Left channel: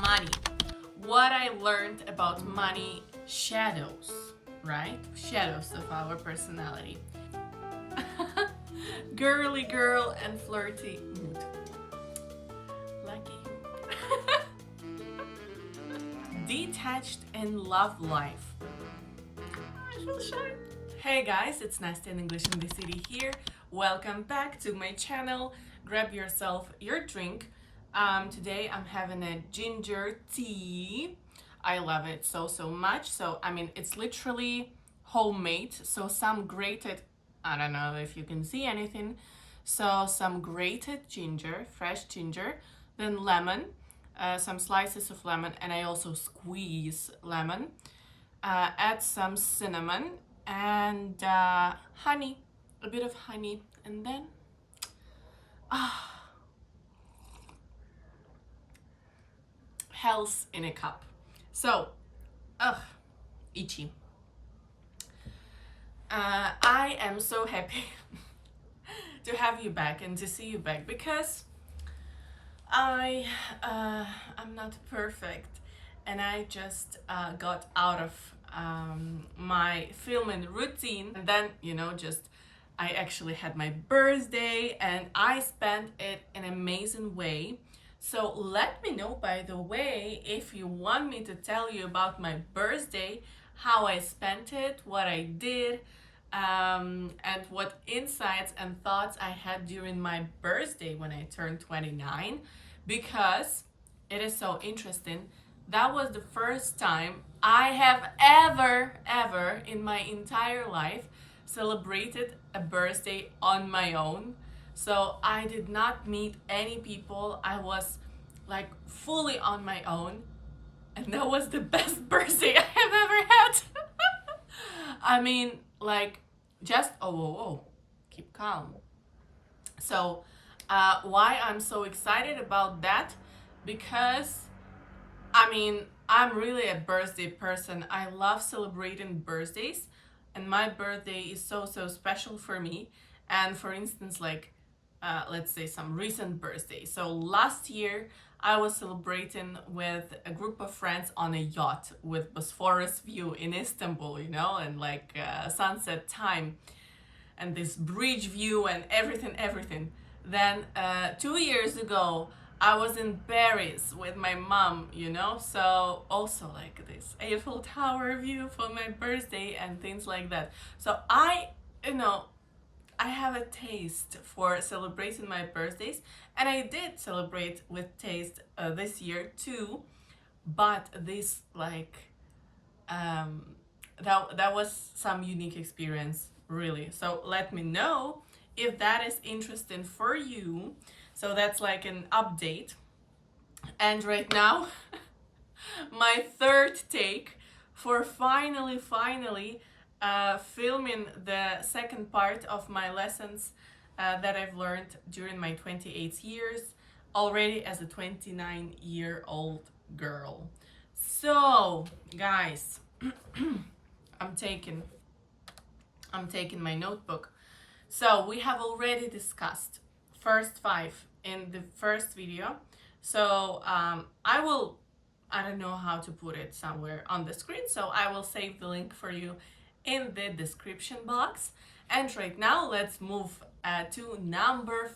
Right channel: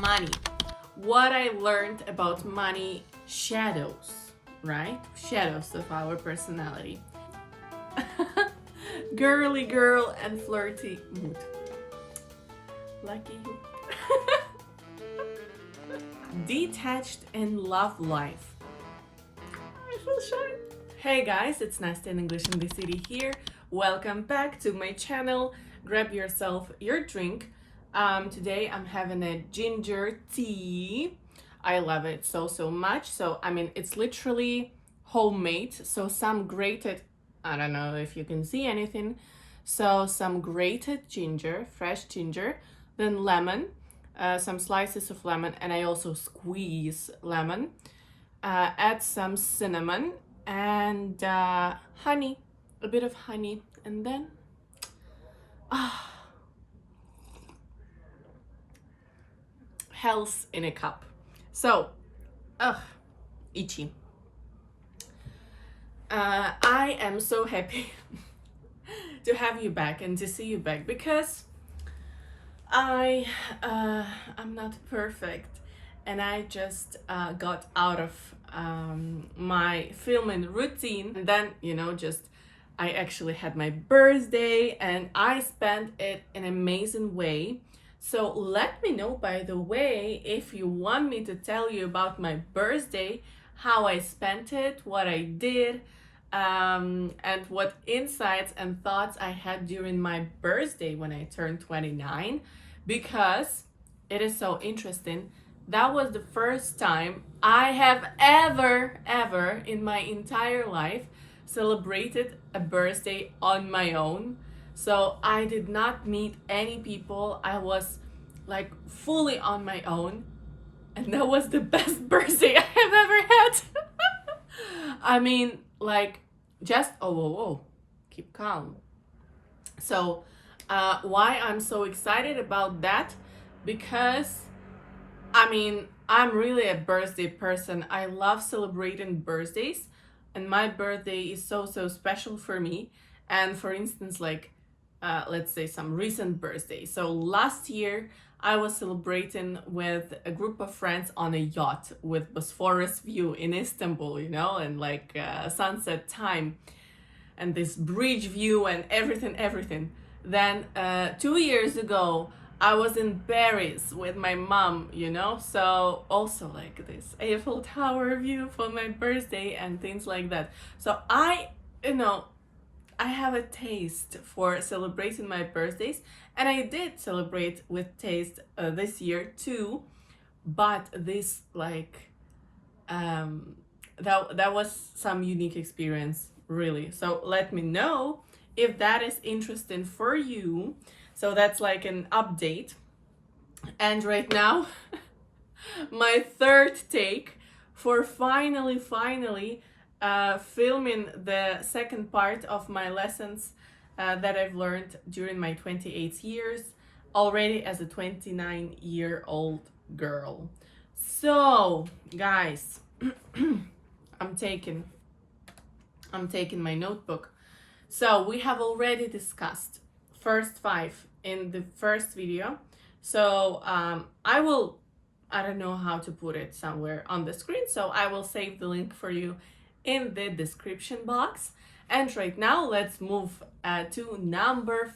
money. What I learned about money, shadows, right? Shadows of our personality. Girly girl and flirty mood. Lucky you. Detached and love life. I feel shy. Hey guys, it's Nastya in English in the City here. Welcome back to my channel. Grab yourself your drink. Today I'm having a ginger tea. I love it so much. So I mean, it's literally homemade. So some grated, I don't know if you can see anything. So some grated ginger, fresh ginger, then lemon, some slices of lemon, and I also squeeze lemon. Add some cinnamon and honey, a bit of honey, and then health in a cup. So, itchy. I am so happy to have you back and to see you back because I'm not perfect, and I just got out of my filming routine, and then just I actually had my birthday and I spent it in an amazing way. So let me know, by the way, if you want me to tell you about my birthday, how I spent it, what I did, and what insights and thoughts I had during my birthday when I turned 29, because it is so interesting. That was the first time I have ever in my entire life celebrated a birthday on my own. So I did not meet any people. I was like fully on my own, and that was the best birthday I have ever had. I mean, like, just oh, keep calm. So why I'm so excited about that? Because I mean, I'm really a birthday person. I love celebrating birthdays, and my birthday is so special for me. And for instance, like, let's say some recent birthdays. So last year, I was celebrating with a group of friends on a yacht with Bosphorus view in Istanbul, and like sunset time and this bridge view and everything. Then 2 years ago, I was in Paris with my mom, so also like this Eiffel Tower view for my birthday and things like that. So I have a taste for celebrating my birthdays, and I did celebrate with taste this year too. But this that was some unique experience, really. So let me know if that is interesting for you. So that's like an update. And right now, my third take for finally filming the second part of my lessons that I've learned during my 28 years already as a 29-year-old girl. So, guys, I'm taking my notebook. So we have already discussed first 5 in the first video. So I don't know how to put it somewhere on the screen, so I will save the link for you in the description box. And right now, let's move to number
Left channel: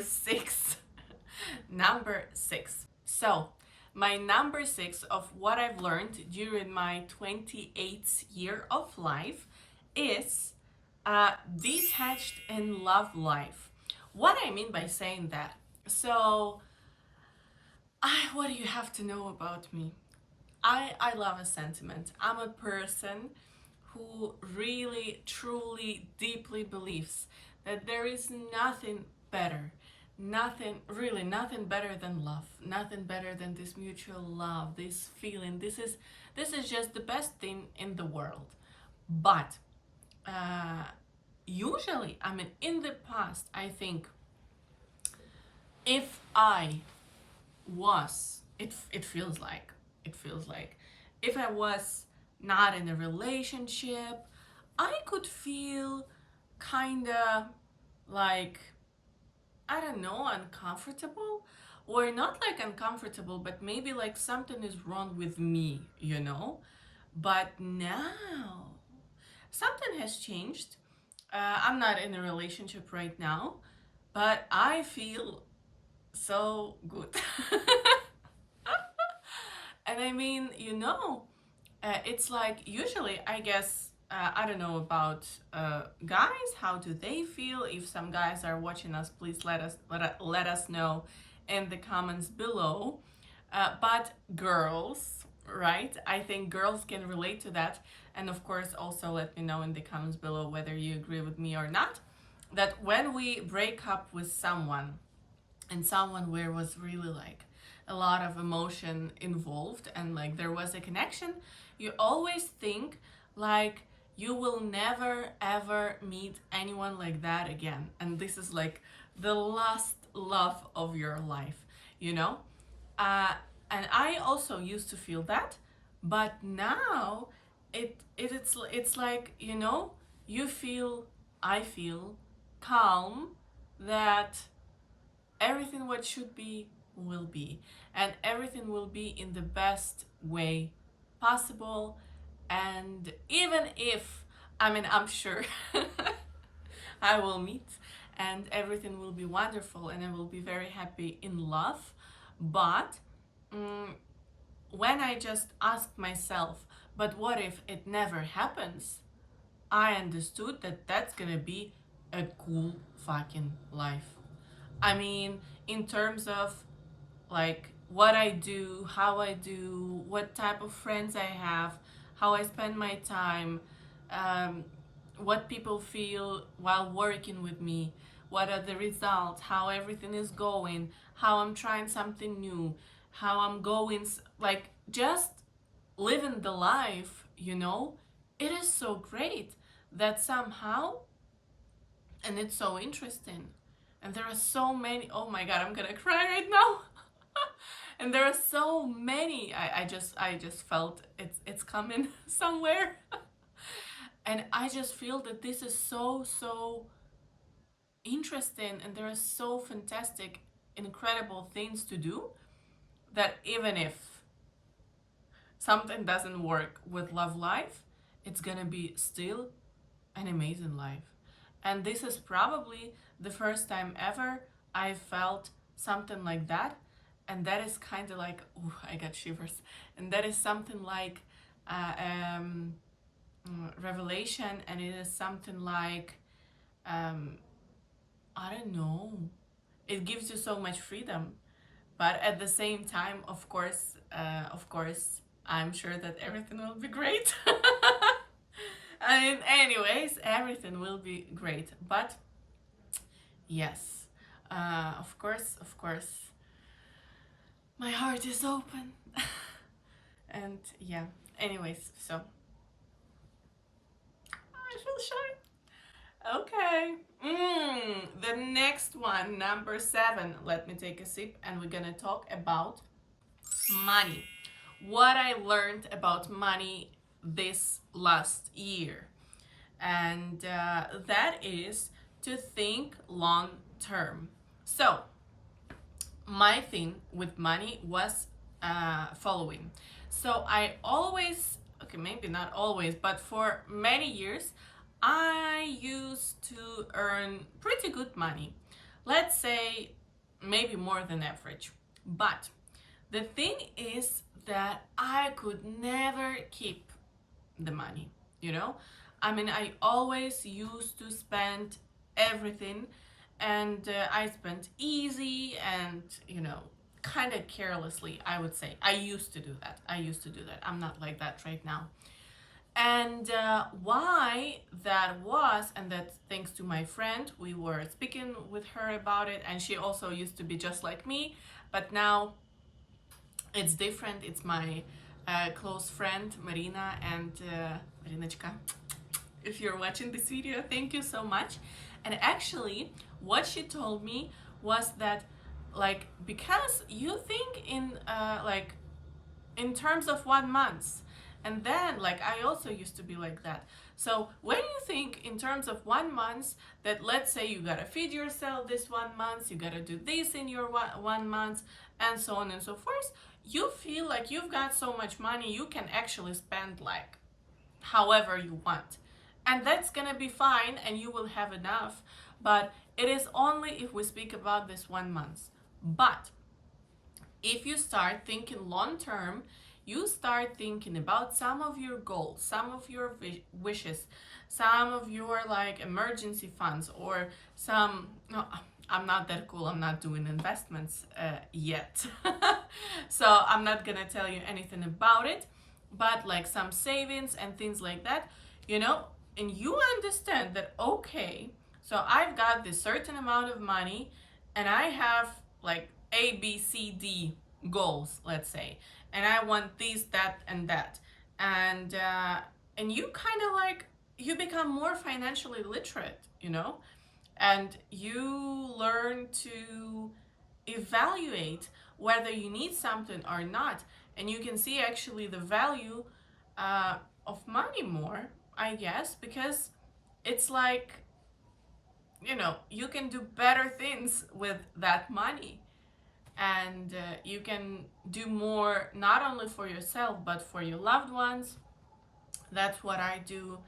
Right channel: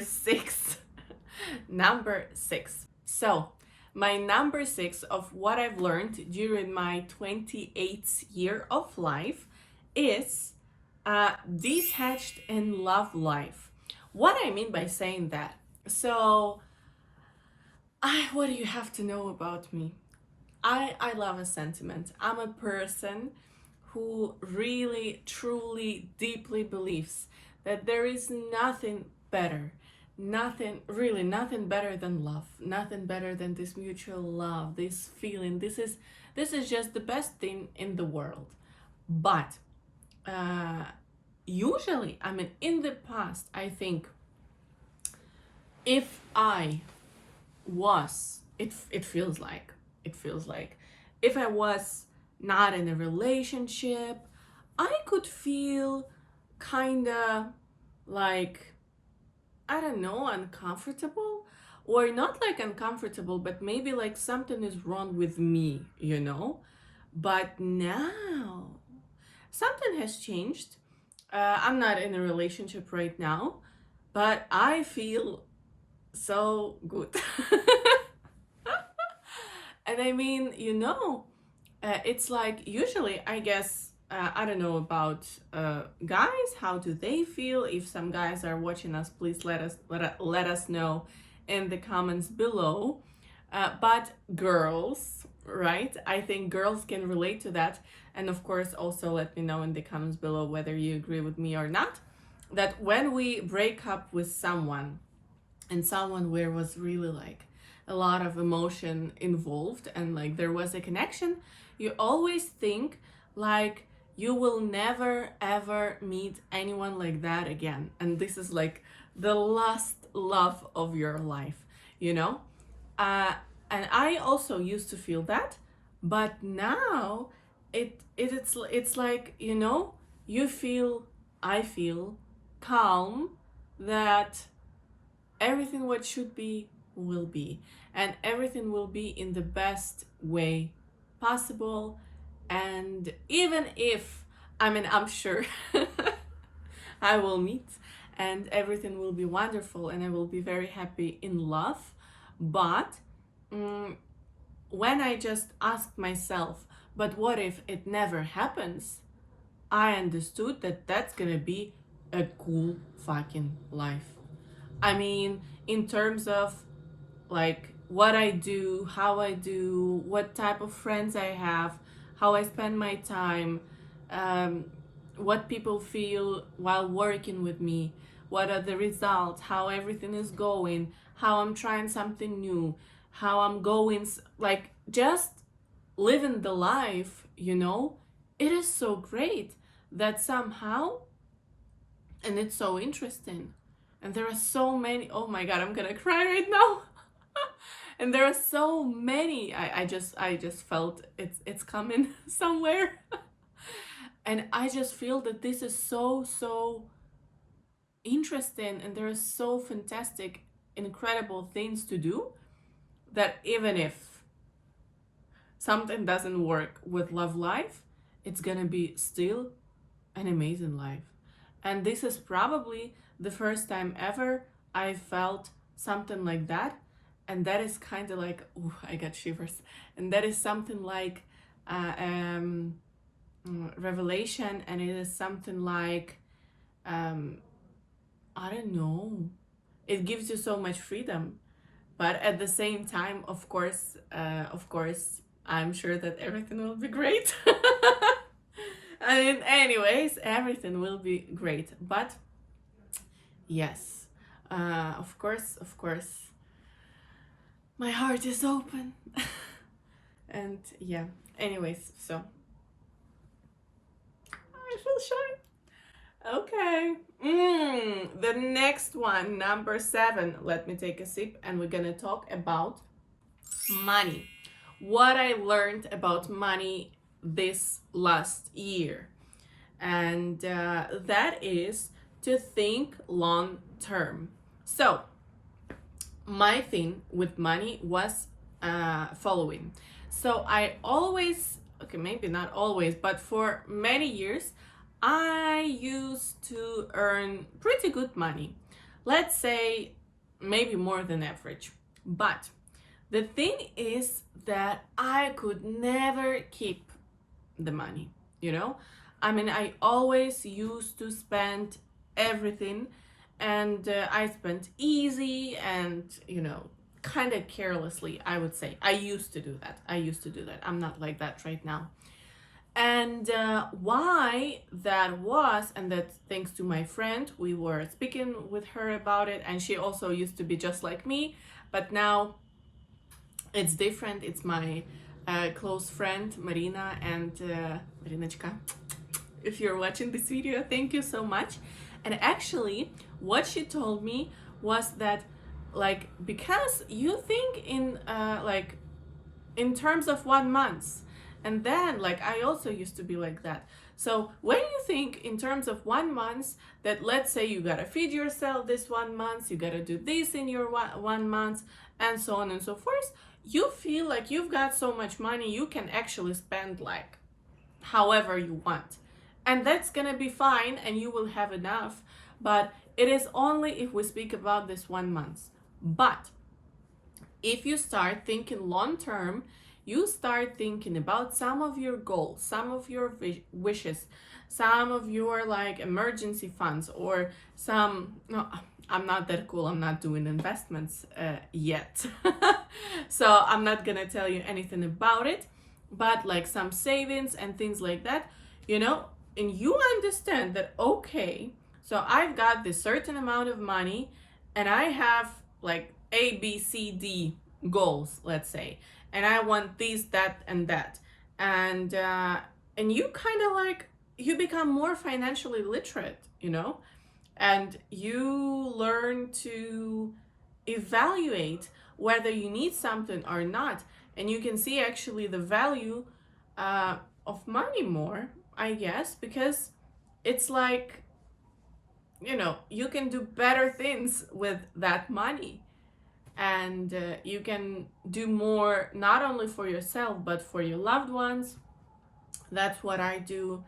6. Number 6. So my number 6 of what I've learned during my 28th year of life is detached and love life. What I mean by saying that, so what do you have to know about me? I love a sentiment. I'm a person who really, truly, deeply believes that there is nothing better, nothing better than love, nothing better than this mutual love, this feeling. This is just the best thing in the world. But usually, I mean, in the past, I think if I was, it feels like if I was not in a relationship, I could feel kind of like, I don't know, uncomfortable, or not like uncomfortable, but maybe like something is wrong with me, you know. But now something has changed. I'm not in a relationship right now, but I feel so good. And I mean, it's like usually, I guess, I don't know about guys. How do they feel? If some guys are watching us, please let us know in the comments below. But girls, right? I think girls can relate to that. And of course, also let me know in the comments below whether you agree with me or not. That when we break up with someone, and someone where was really like a lot of emotion involved and like there was a connection, you always think like you will never ever meet anyone like that again, and this is like the last love of your life, you know. uh, and I also used to feel that, but now it's like, you feel, I feel calm that everything what should be will be, and everything will be in the best way possible. And even if, I mean, I'm sure I will meet and everything will be wonderful and I will be very happy in love. But mm, when I just asked myself, but what if it never happens, I understood that that's gonna be a cool fucking life. I mean, in terms of like what I do, how I do, what type of friends I have, how I spend my time, um, what people feel while working with me, what are the results, how everything is going, how I'm trying something new, how I'm going, like just living the life, it is so great that somehow, and it's so interesting. And there are so many, oh my god, I'm gonna cry right now. And there are so many, I just felt it's coming somewhere. And I just feel that this is so interesting, and there are so fantastic, incredible things to do, that even if something doesn't work with love life, it's gonna be still an amazing life. And this is probably the first time ever I felt something like that. And that is kind of like, ooh, I got shivers. And that is something like uh, um, revelation, and it is something like, um, I don't know, it gives you so much freedom. But at the same time, of course, I'm sure that everything will be great. And anyways, everything will be great. But yes, of course, my heart is open. And yeah, anyways, so I feel shy. Okay. The next one, number 7. Let me take a sip, and we're gonna talk about money. What I learned about money this last year. And that is to think long term. So, my thing with money was following. So, I always, okay, maybe not always, but for many years, I used to earn pretty good money. Let's say maybe more than average. But the thing is that I could never keep the money, you know? I mean, I always used to spend everything, and I spent easy and, kind of carelessly, I would say. I used to do that. I'm not like that right now. And why that was, and that's thanks to my friend. We were speaking with her about it, and she also used to be just like me, but now it's different. It's my close friend Marina, and Marinочка, if you're watching this video, thank you so much. And actually, what she told me was that, like, because you think in terms of 1 month, And then, like, I also used to be like that. So when you think in terms of 1 month, that let's say you gotta feed yourself this 1 month, you gotta do this in your 1 month, and so on and so forth, you feel like you've got so much money you can actually spend like however you want. And that's gonna be fine and you will have enough. But it is only if we speak about this 1 month. But if you start thinking long term, you start thinking about some of your goals, some of your wishes, some of your like emergency funds, or some, no, I'm not that cool, I'm not doing investments yet. So I'm not gonna tell you anything about it, but like some savings and things like that, you know, and you understand that, okay, so I've got this certain amount of money and I have like A, B, C, D goals, let's say, and I want this, that, and that, and you kind of like, you become more financially literate, you know, and you learn to evaluate whether you need something or not, and you can see actually the value of money more, I guess, because it's like, you know, you can do better things with that money, and you can do more not only for yourself but for your loved ones. That's what I do.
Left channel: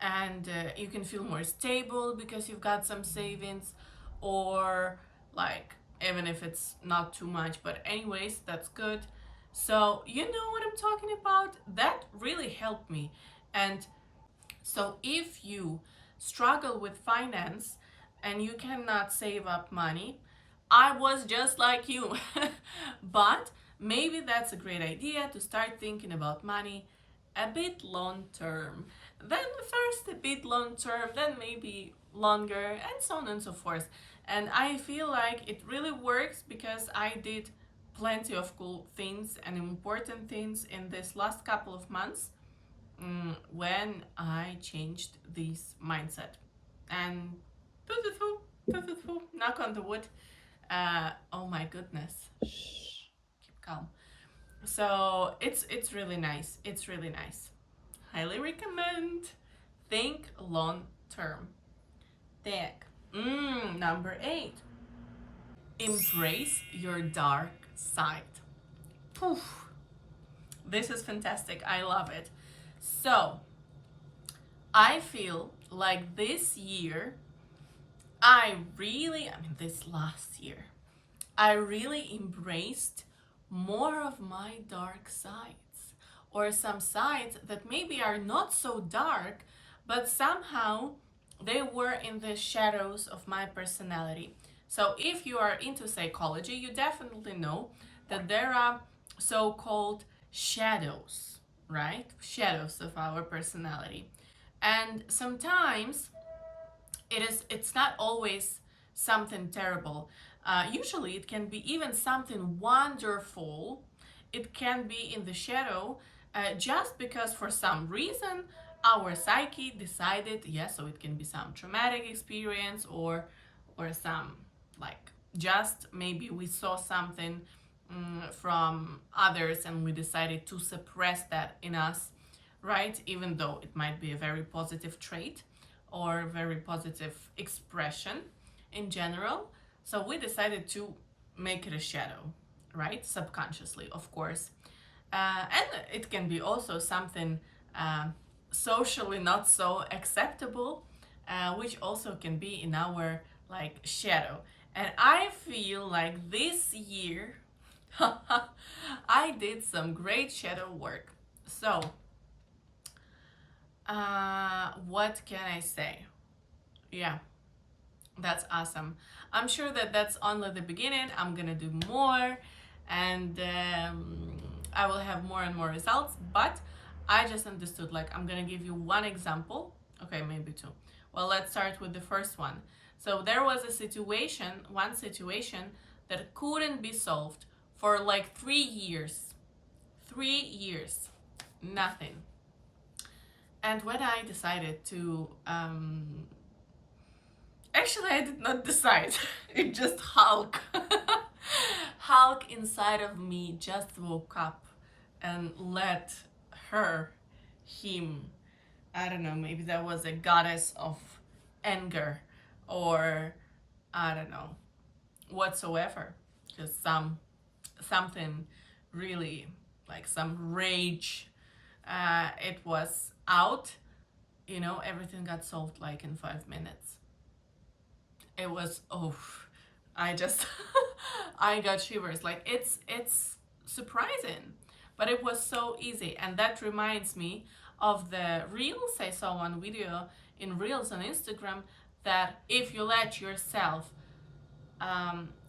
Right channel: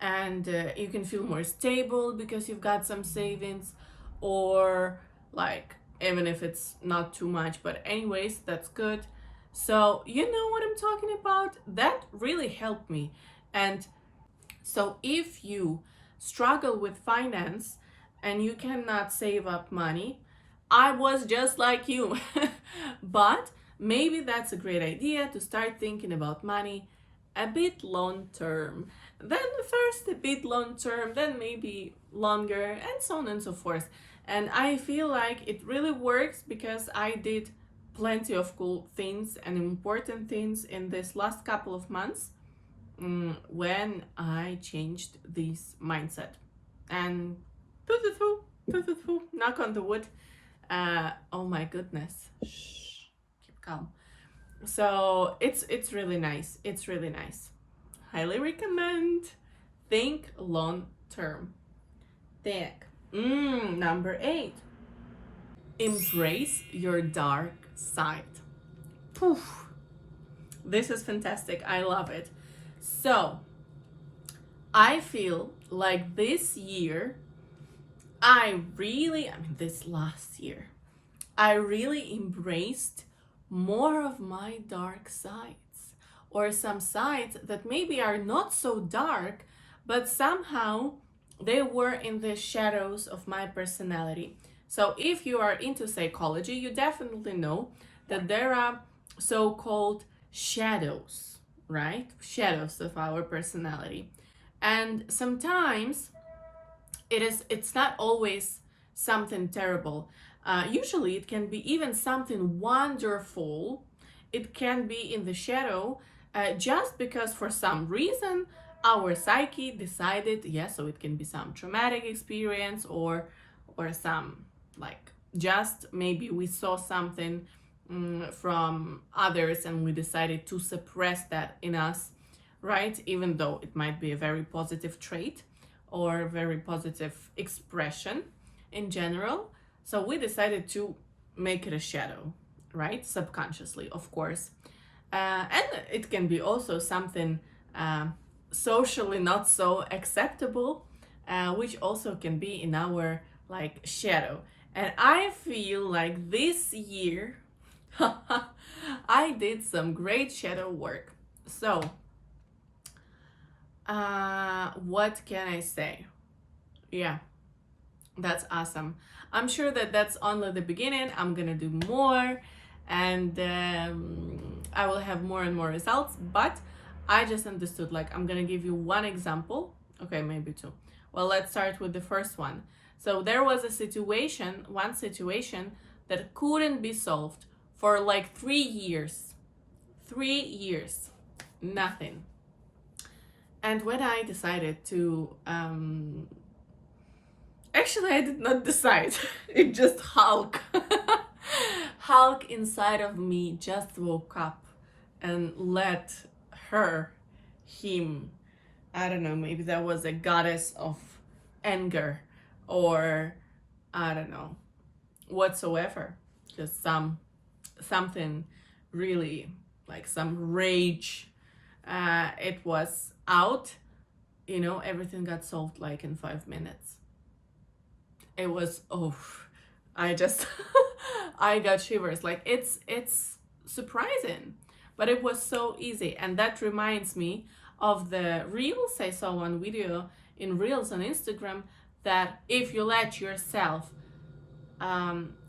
And you can feel more stable because you've got some savings, or like, even if it's not too much, but anyways, that's good. So you know what I'm talking about. That really helped me. And so if you struggle with finance and you cannot save up money, I was just like you. But maybe that's a great idea to start thinking about money a bit long term. Then first a bit long term, then maybe longer, and so on and so forth. And I feel like it really works because I did plenty of cool things and important things in this last couple of months, when I changed this mindset. And knock on the wood. Oh my goodness. Shh, keep calm. So it's really nice. It's really nice. Highly recommend. Think long term. Think. Number 8. Embrace your dark side. Poof. This is fantastic. I love it. So, I feel like this year, this last year, I really embraced more of my dark sides, or some sides that maybe are not so dark, but somehow they were in the shadows of my personality. So if you are into psychology, you definitely know that there are so-called shadows, right? Shadows of our personality. And sometimes it's not always something terrible. Usually it can be even something wonderful. It can be in the shadow, just because for some reason our psyche decided, yes, so it can be some traumatic experience, or some, like, just maybe we saw something from others and we decided to suppress that in us, right? Even though it might be a very positive trait or a very positive expression in general. So we decided to make it a shadow, right? Subconsciously, of course. And it can be also something socially not so acceptable, which also can be in our like shadow. And I feel like this year I did some great shadow work. So what can I say? Yeah, that's awesome. I'm sure that that's only the beginning. I'm gonna do more, and I will have more and more results. But I just understood, like, I'm gonna give you one example. Okay, maybe two. Well, let's start with the first one. So there was one situation that couldn't be solved for like 3 years. 3 years. Nothing. And when I decided to, actually, I did not decide. It just Hulk. Hulk inside of me just woke up and let her him. I don't know, maybe that was a goddess of anger, or I don't know, whatsoever. Just something really, like some rage. It was out, everything got solved like in 5 minutes. It was, oh, I just I got shivers. Like it's surprising, but it was so easy. And that reminds me of the reels I saw one video in reels on Instagram, that if you let yourself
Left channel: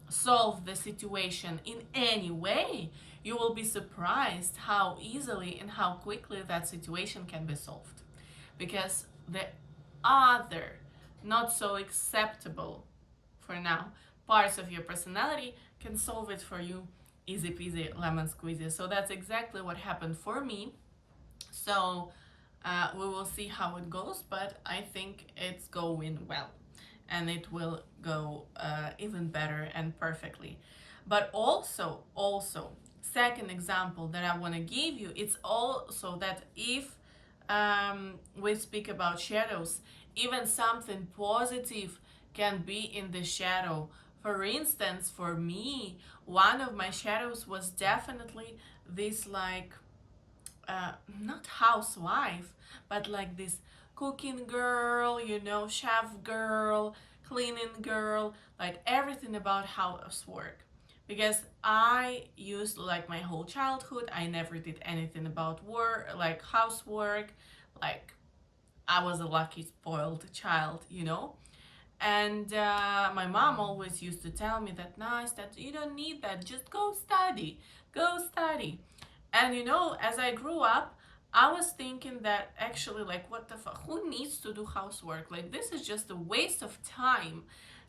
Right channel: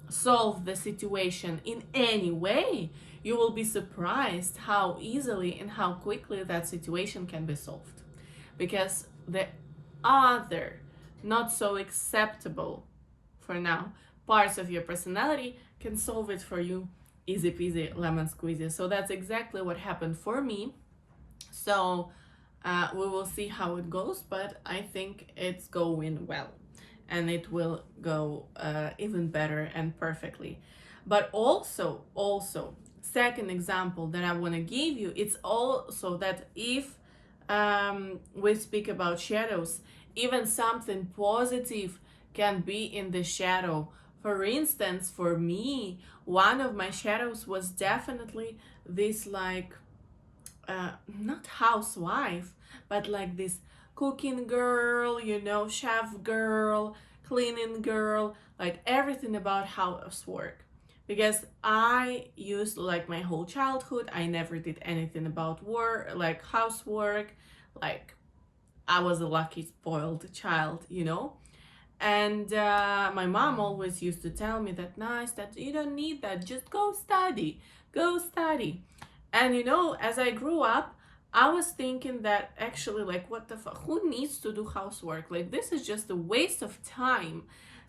solve the situation in any way, you will be surprised how easily and how quickly that situation can be solved. Because the other, not so acceptable for now, parts of your personality can solve it for you easy peasy lemon squeezy. So that's exactly what happened for me. So we will see how it goes, but I think it's going well, and it will go even better and perfectly. But also, second example that I want to give you, it's also that if we speak about shadows, even something positive can be in the shadow. For instance, for me, one of my shadows was definitely this, like, not housewife, but like this cooking girl, chef girl, cleaning girl, like everything about housework. Because I used, like, my whole childhood, I never did anything about work, like housework. Like, I was a lucky, spoiled child. And my mom always used to tell me that, nice, that you don't need that, just go study, go study. And as I grew up, I was thinking that actually, like, what the fuck, who needs to do housework? Like, this is just a waste of time.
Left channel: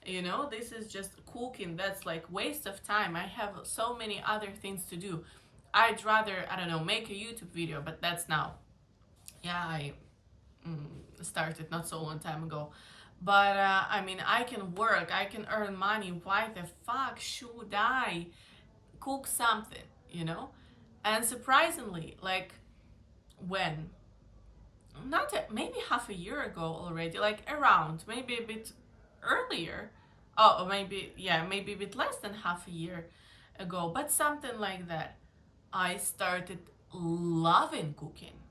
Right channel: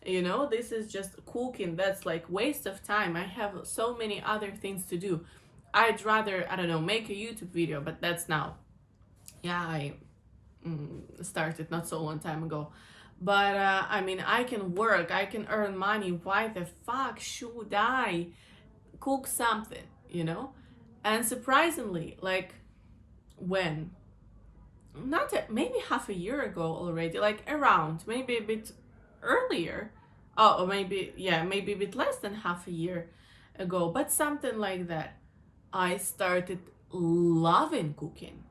This is just cooking, that's like waste of time. I have so many other things to do. I'd rather, I don't know, make a YouTube video, but that's now. Yeah, I started not so long time ago. But I mean, I can work, I can earn money. Why the fuck should I cook something? And surprisingly, like, when, not maybe half a year ago already, like around, maybe a bit earlier, or maybe, yeah, maybe a bit less than half a year ago, but something like that, I started loving cooking.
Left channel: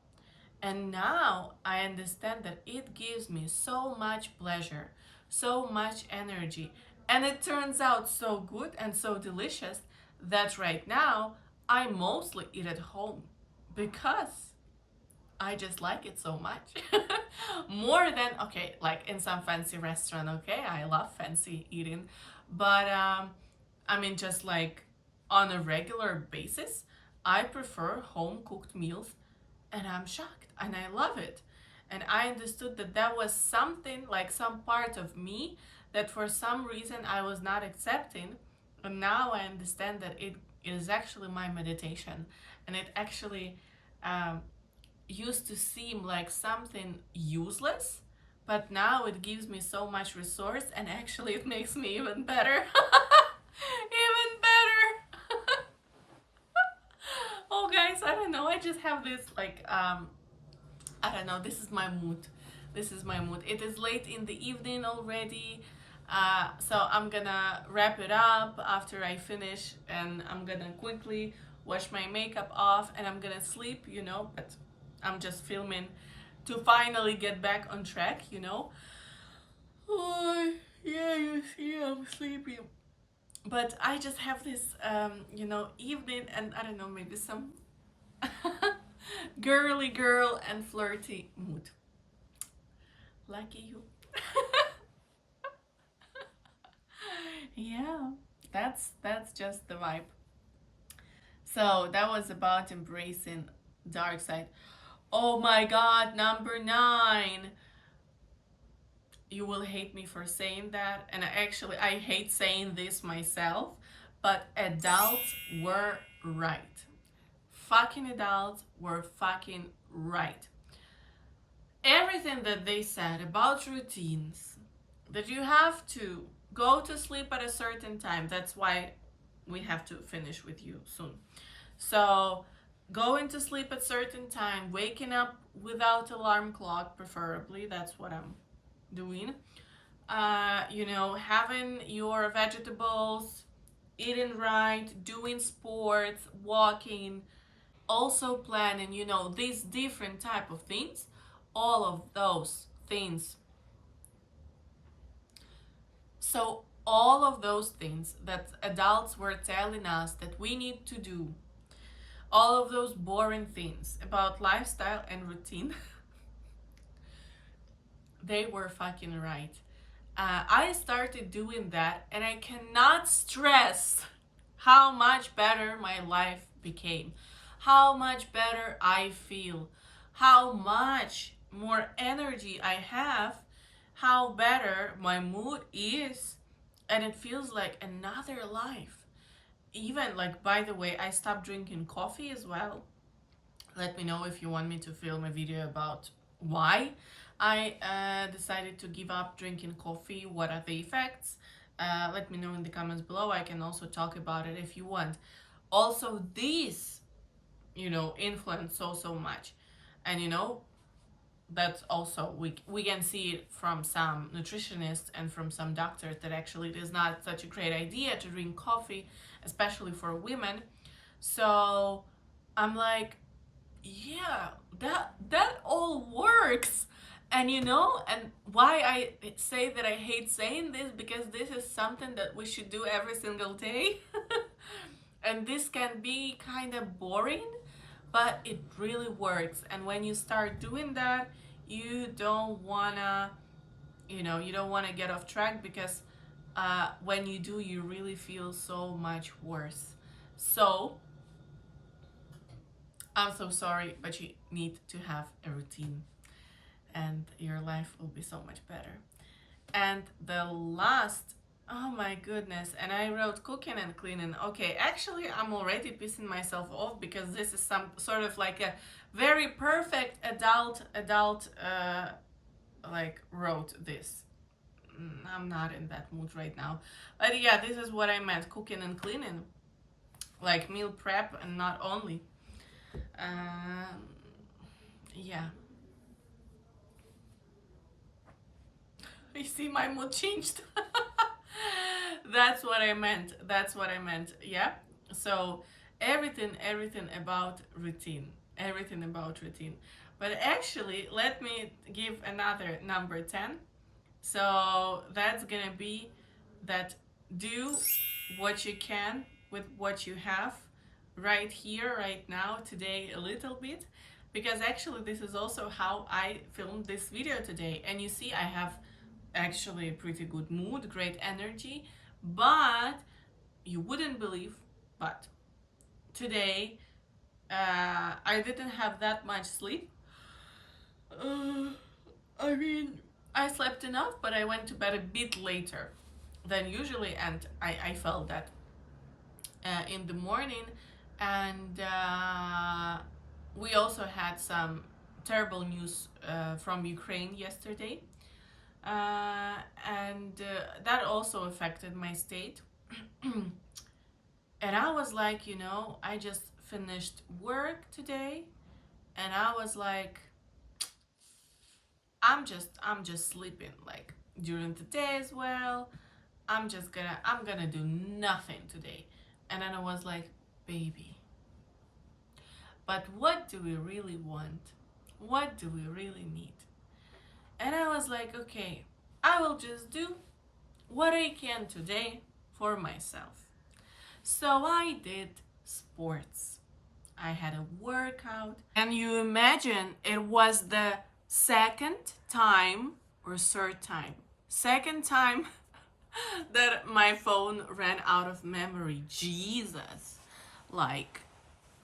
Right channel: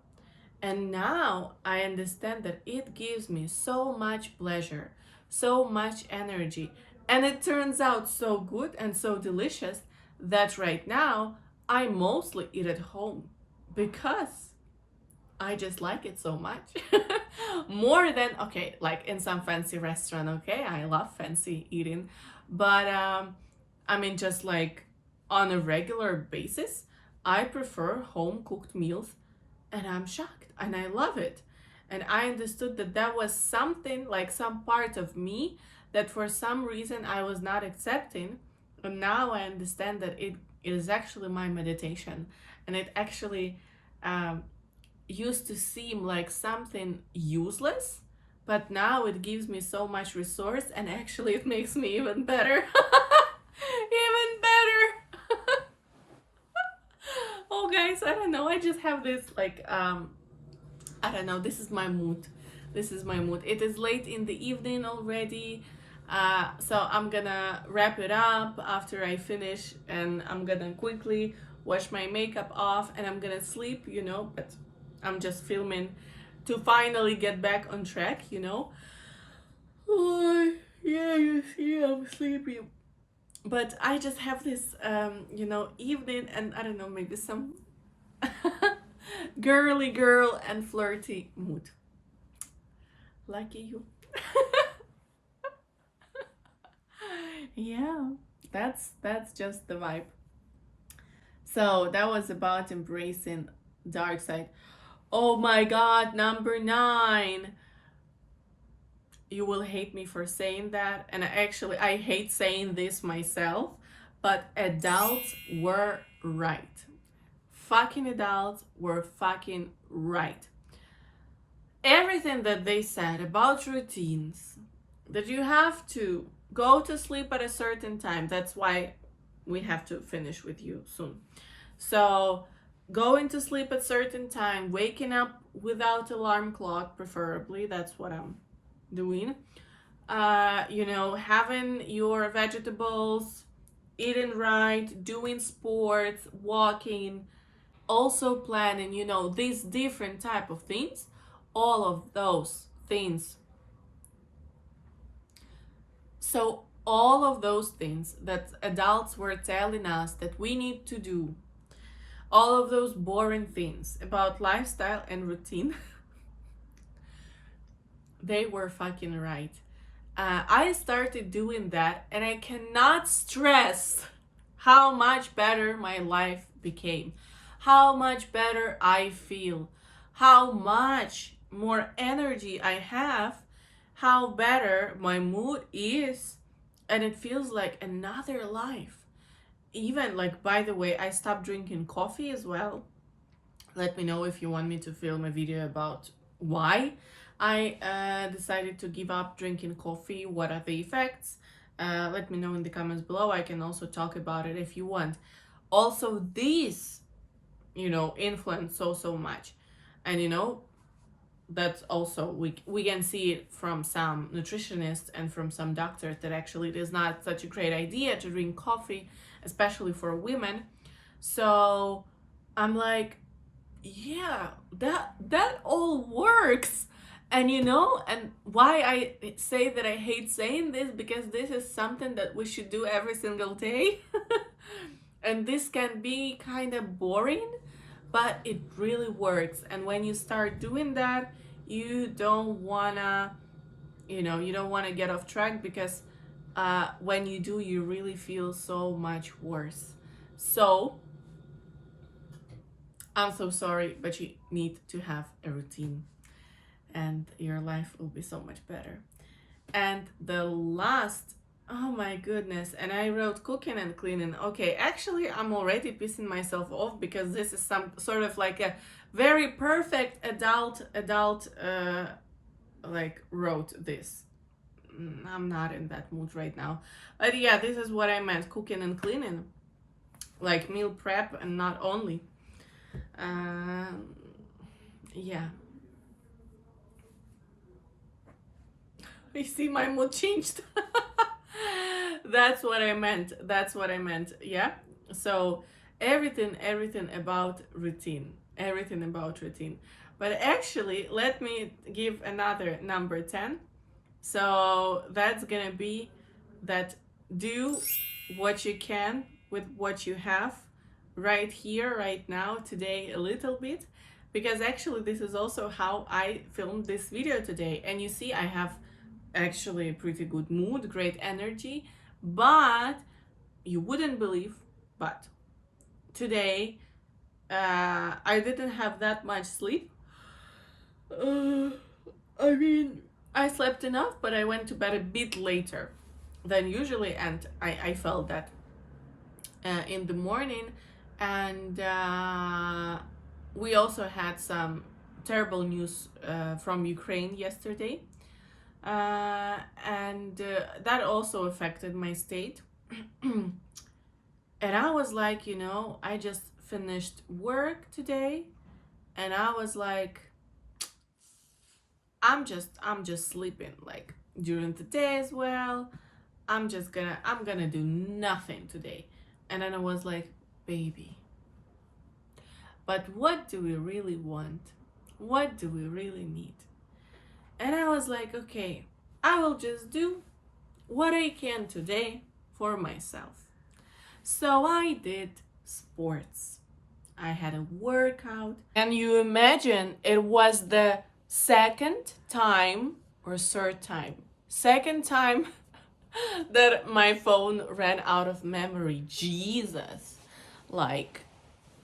And now I understand that it gives me so much pleasure, so much energy, and it turns out so good and so delicious that right now I mostly eat at home, because I just like it so much. More than, okay, like in some fancy restaurant, okay? I love fancy eating. But I mean, just like on a regular basis, I prefer home cooked meals, and I'm shocked and I love it. And I understood that that was something, like some part of me, that for some reason I was not accepting. And now I understand that it is actually my meditation. And it actually used to seem like something useless, but now it gives me so much resource, and actually it makes me even better. Even better. Oh guys, I don't know, I just have this, like, I don't know, this is my mood. This is my mood. It is late in the evening already. So I'm gonna wrap it up after I finish, and I'm gonna quickly wash my makeup off, and I'm gonna sleep, but I'm just filming to finally get back on track. Oh, yeah, you see, I'm sleepy. But I just have this, evening, and I don't know, maybe some girly girl and flirty mood. Lucky you. Yeah, that's just the vibe. So that was about embracing dark side. Oh my god, number 9. You will hate me for saying that, and I hate saying this myself, but adults were right. Fucking adults were fucking right. Everything that they said about routines, that you have to go to sleep at a certain time, that's why we have to finish with you soon. So going to sleep at certain time, waking up without alarm clock, preferably. That's what I'm doing. Having your vegetables, eating right, doing sports, walking, also planning, these different type of things. All of those things. So all of those things that adults were telling us that we need to do, all of those boring things about lifestyle and routine, they were fucking right. I started doing that, and I cannot stress how much better my life became, how much better I feel, how much more energy I have, how better my mood is, and it feels like another life. Even, like, by the way, I stopped drinking coffee as well. Let me know if you want me to film a video about why I decided to give up drinking coffee, what are the effects. Let me know in the comments below. I can also talk about it if you want. Also, these, influence so much. And that's also, we can see it from some nutritionists and from some doctors that actually it is not such a great idea to drink coffee, especially for women. So I'm like, yeah, that all works. And why I say that I hate saying this, because this is something that we should do every single day. And this can be kind of boring, but it really works. And when you start doing that, you don't wanna, you don't wanna get off track, because when you do, you really feel so much worse. So I'm so sorry, but you need to have a routine, and your life will be so much better. And the last, oh my goodness, and I wrote cooking and cleaning. Okay, actually, I'm already pissing myself off, because this is some sort of like a very perfect adult, like, wrote this. I'm not in that mood right now. But yeah, this is what I meant, cooking and cleaning. Like meal prep, and not only. Um, yeah. You see, my mood changed. That's what I meant. That's what I meant. Yeah. So everything about routine. Everything about routine. But actually, let me give another number 10. So that's gonna be that: do what you can with what you have right here, right now, today, a little bit. Because actually, this is also how I filmed this video today. And you see, I have actually a pretty good mood, great energy. But you wouldn't believe, but today I didn't have that much sleep. uh, I mean, I slept enough, but I went to bed a bit later than usually, and I felt that in the morning. And we also had some terrible news from Ukraine yesterday. And that also affected my state. And I was like, I just finished work today, and I was like, I'm just sleeping, like, during the day as well. I'm gonna do nothing today. And then I was like, baby, but what do we really want? What do we really need? And I was like, okay, I will just do what I can today for myself. So I did sports. I had a workout. And you imagine, it was the second time or third time, second time that my phone ran out of memory. Jesus. Like,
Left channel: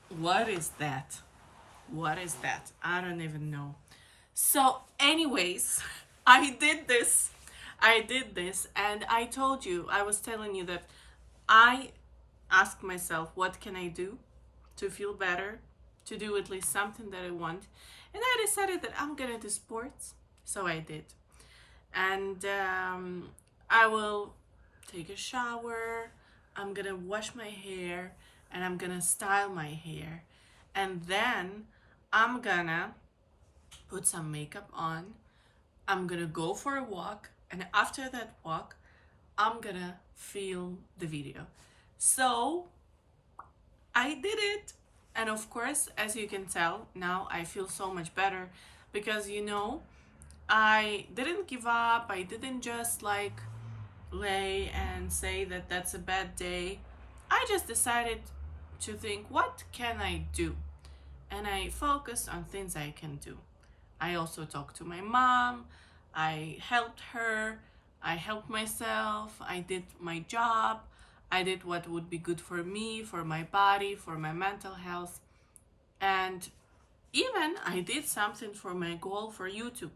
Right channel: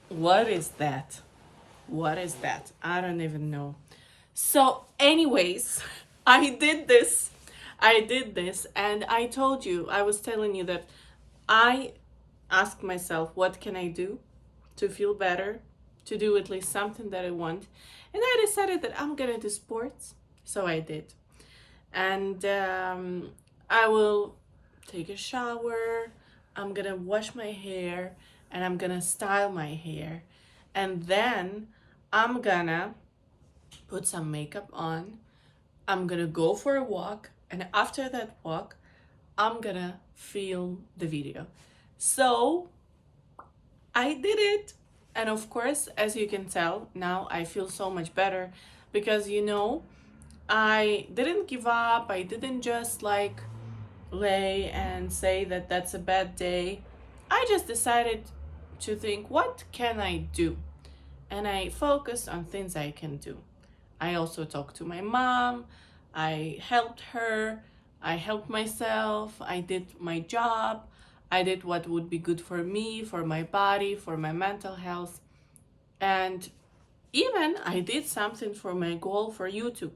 what is that? What is that? I don't even know. So, anyways, I did this. And I told you, I was telling you that I asked myself, what can I do to feel better, to do at least something that I want? And I decided that I'm gonna do sports. So I did. And I will take a shower, I'm gonna wash my hair, and I'm gonna style my hair. and then I'm gonna put some makeup on. I'm gonna go for a walk, and after that walk, I'm gonna film the video. So I did it. And of course, as you can tell, now I feel so much better because I didn't give up. I didn't just like lay and say that that's a bad day. I just decided to think, what can I do? And I focused on things I can do. I also talked to my mom. I helped her. I helped myself. I did my job. I did what would be good for me, for my body, for my mental health. And even I did something for my goal for YouTube.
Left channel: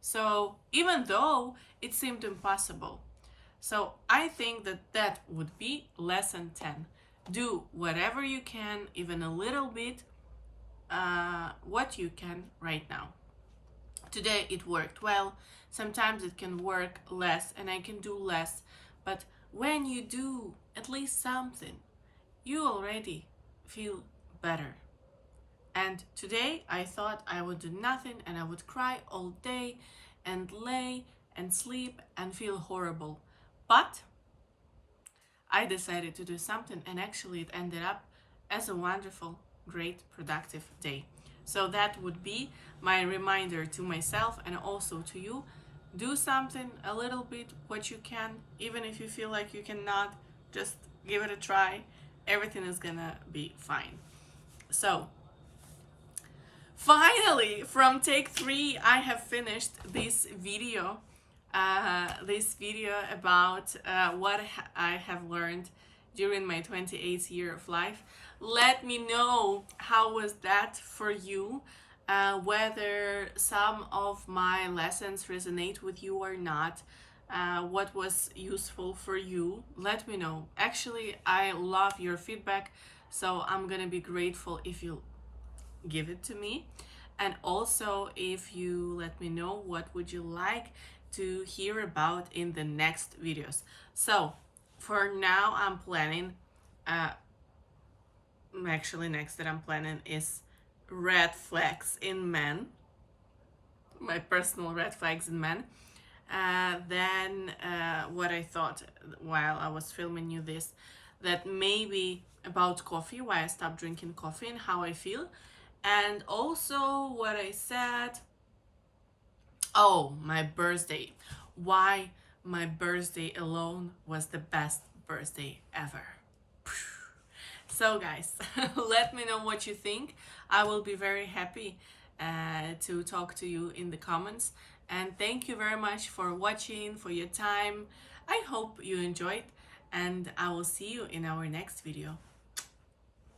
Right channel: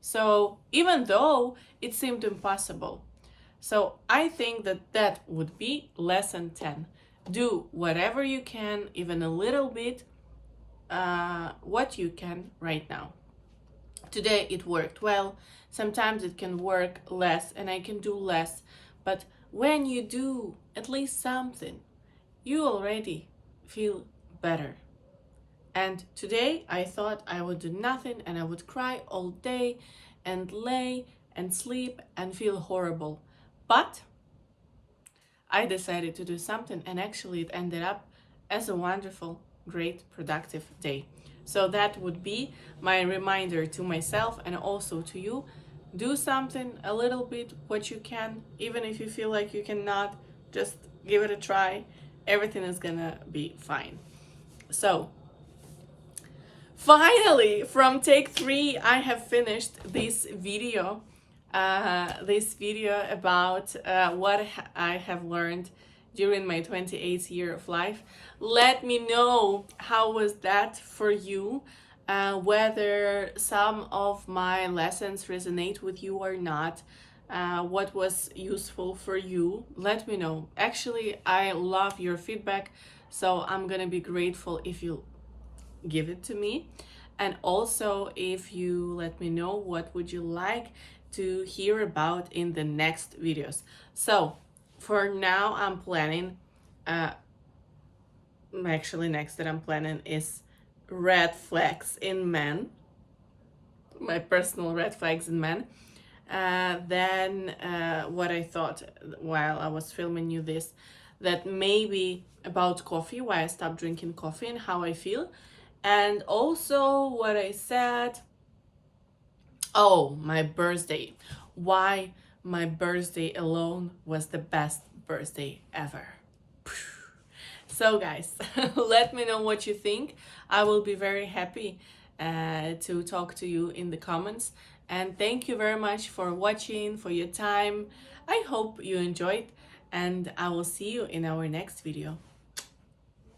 So even though it seemed impossible. So I think that that would be lesson 10. Do whatever you can, even a little bit, what you can right now. Today it worked well. Sometimes it can work less and I can do less. But when you do at least something, you already feel better. And today I thought I would do nothing and I would cry all day and lay and sleep and feel horrible. But I decided to do something, and actually it ended up as a wonderful, great, productive day. So that would be my reminder to myself and also to you. Do something a little bit, what you can, even if you feel like you cannot, just give it a try. Everything is gonna be fine. So, finally, from take 3, I have finished this video. This video about what I have learned during my 28th year of life. Let me know how was that for you, whether some of my lessons resonate with you or not, what was useful for you. Let me know. Actually, I love your feedback, so I'm gonna be grateful if you give it to me. And also if you let me know what would you like to hear about in the next videos. So for now I'm planning actually next that I'm planning is red flags in men, my personal red flags in men. Then what I thought while I was filming you this, that maybe about coffee, why I stopped drinking coffee and how I feel. And also what I said, oh, my birthday, why my birthday alone was the best birthday ever. So guys, let me know what you think. I will be very happy to talk to you in the comments. And thank you very much for watching, for your time. I hope you enjoyed, and I will see you in our next video.